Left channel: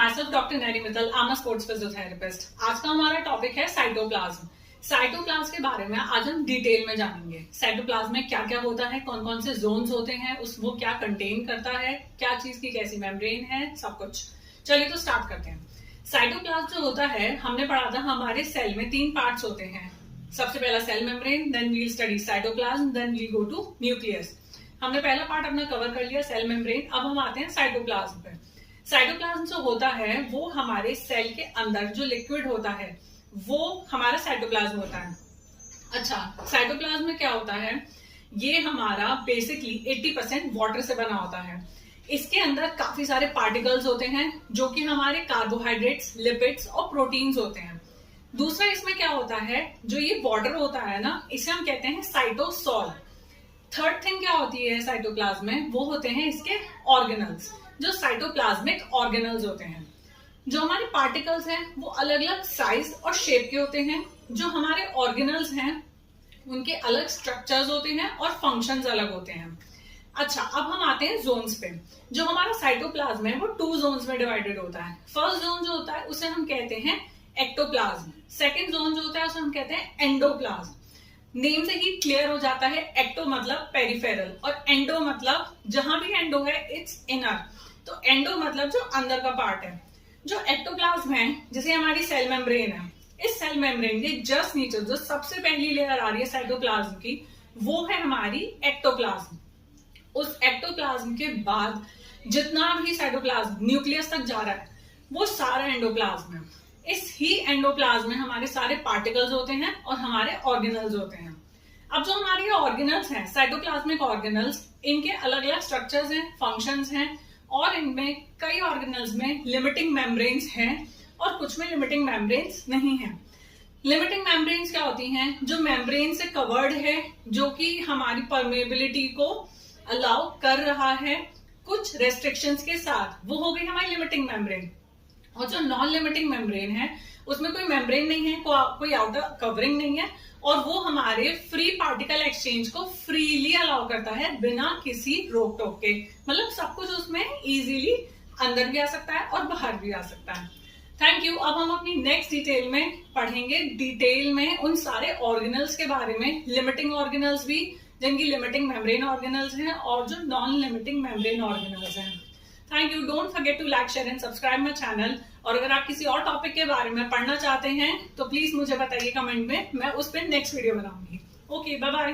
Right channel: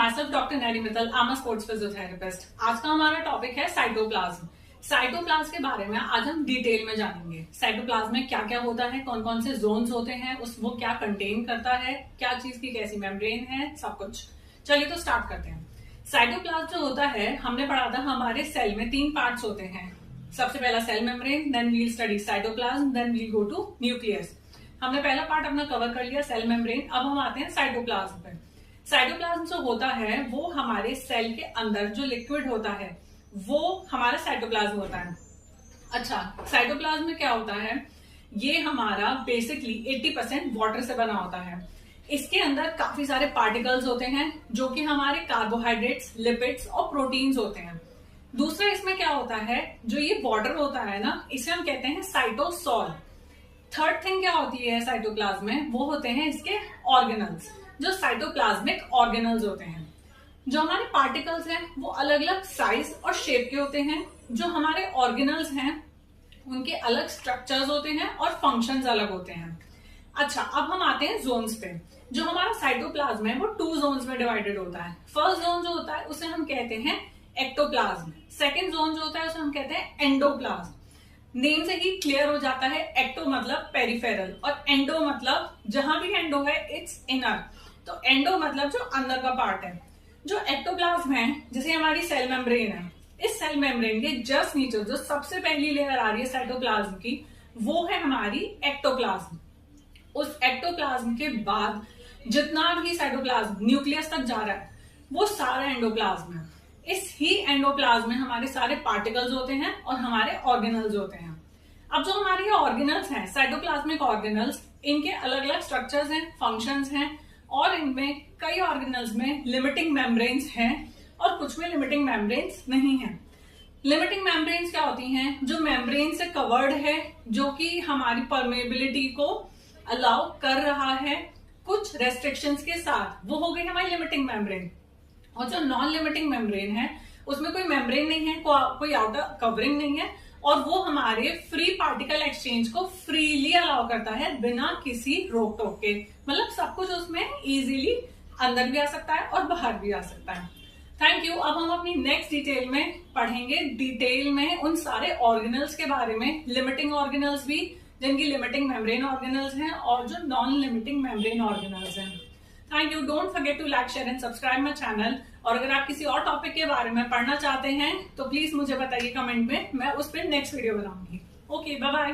myself Dr. Neri Mittal, I'm a sports physiotherapist। आज का हमारा टॉपिक है साइटोप्लाज्म। साइटोप्लाज्म के बारे में आज हम डिटेल में जानेंगे। साइटोप्लाज्म में क्या क्या होता है, कौन कौन से जोन्स होते हैं, वो क्या कंटेन करता है, क्या चीज की कैसी मेम्ब्रेन है, सब कुछ। चलिए तो स्टार्ट करते हैं। साइटोप्लाज्म जो होता है, हमने पढ़ा था हमारे सेल में 3 पार्ट्स होते हैं। सबसे पहला cell membrane, then we'll study cytoplasm, then we go to nucleus. हमने पहला पार्ट अपना कवर कर लिया, सेल मेम्ब्रेन। अब हम आते हैं साइटोप्लाज्म पे। साइटोप्लाज्म जो होता है वो हमारे सेल के अंदर जो लिक्विड होता है वो हमारा साइटोप्लाज्म होता है। अच्छा, साइटोप्लाज्म में क्या होता है, ये हमारा बेसिकली 80% वाटर से बना होता है। इसके अंदर काफी सारे पार्टिकल्स होते हैं जो कि हमारे कार्बोहाइड्रेट्स, लिपिड्स और प्रोटीन्स होते हैं। दूसरा इसमें क्या होता है, जो ये वाटर होता है ना, इसे हम कहते हैं साइटोसॉल। थर्ड थिंग क्या होती है साइटोप्लाज्म में, वो होते हैं इसके ऑर्गेनल्स, जो साइटोप्लाज्मिक ऑर्गेनल्स होते हैं। जो हमारे पार्टिकल्स हैं वो अलग अलग साइज और शेप के होते हैं। जो हमारे ऑर्गेनल्स हैं उनके अलग स्ट्रक्चर्स होते हैं और फंक्शंस अलग होते हैं। अच्छा, अब हम आते हैं जोन्स पे। जो हमारा साइटोप्लाज्म है वो 2 जोन्स में डिवाइडेड होता है। फर्स्ट जोन जो होता है उसे हम कहते हैं एक्टोप्लाज्म। सेकेंड जोन जो होता है उसे हम कहते हैं एंडोप्लाज्म। नेम से ही क्लियर हो जाता है, एक्टो मतलब पेरिफेरल और एंडो मतलब जहां भी एंडो है इट्स इनर। तो एंडो मतलब जो अंदर का पार्ट है। जो एक्टोप्लाज्म है, जैसे हमारी सेल मेम्ब्रेन है, इस सेल मेम्ब्रेन के जस्ट नीचे जो सबसे पहली लेयर आ रही है साइटोप्लाज्म की, वो है हमारी एक्टोप्लाज्म। उस एक्टोप्लाज्म के बाद जितना भी साइटोप्लाज्म न्यूक्लियस तक जा रहा है वो सारा एंडोप्लाज्म है। इस ही एंडोप्लाज्म में हमारे सारे पार्टिकल्स होते हैं और हमारे ऑर्गेनल्स होते हैं। अब जो हमारे ऑर्गेनल्स हैं, साइटोप्लाज्मिक ऑर्गेनल्स, इनके अलग अलग स्ट्रक्चर्स हैं, फंक्शंस हैं और इनमें कई ऑर्गेनल्स में लिमिटिंग मेम्ब्रेन्स हैं और कुछ में लिमिटिंग मेम्ब्रेन्स नहीं है। लिमिटिंग मेम्ब्रेन्स क्या होती हैं, जो मेम्ब्रेन से कवर्ड है, जो कि हमारी परमेबिलिटी को अलाउ कर रहा है कुछ रेस्ट्रिक्शंस के साथ, वो हो गई हमारी लिमिटिंग मेम्ब्रेन। और जो नॉन लिमिटिंग मेम्ब्रेन है उसमें कोई मेम्ब्रेन नहीं है, कोई आउटर कवरिंग नहीं है और वो हमारे फ्री पार्टिकल एक्सचेंज को फ्रीली अलाउ करता है बिना किसी रोक टोक के। मतलब सब कुछ उसमें इजीली अंदर भी आ सकता है और बाहर भी आ सकता है। Thank you. अब हम अपनी नेक्स्ट डिटेल में पढ़ेंगे, डिटेल में उन सारे ऑर्गेनल्स के बारे में, लिमिटिंग ऑर्गेनल्स भी जिनकी लिमिटिंग मेम्ब्रेन ऑर्गेनल्स हैं और जो नॉन लिमिटिंग मेम्ब्रेन ऑर्गेनल्स हैं। Thank you. Don't forget to like, share and subscribe my channel. और अगर आप किसी और टॉपिक के बारे में पढ़ना चाहते हैं तो प्लीज मुझे बताइए कमेंट में, मैं उस पर नेक्स्ट वीडियो बनाऊंगी। Okay, bye bye.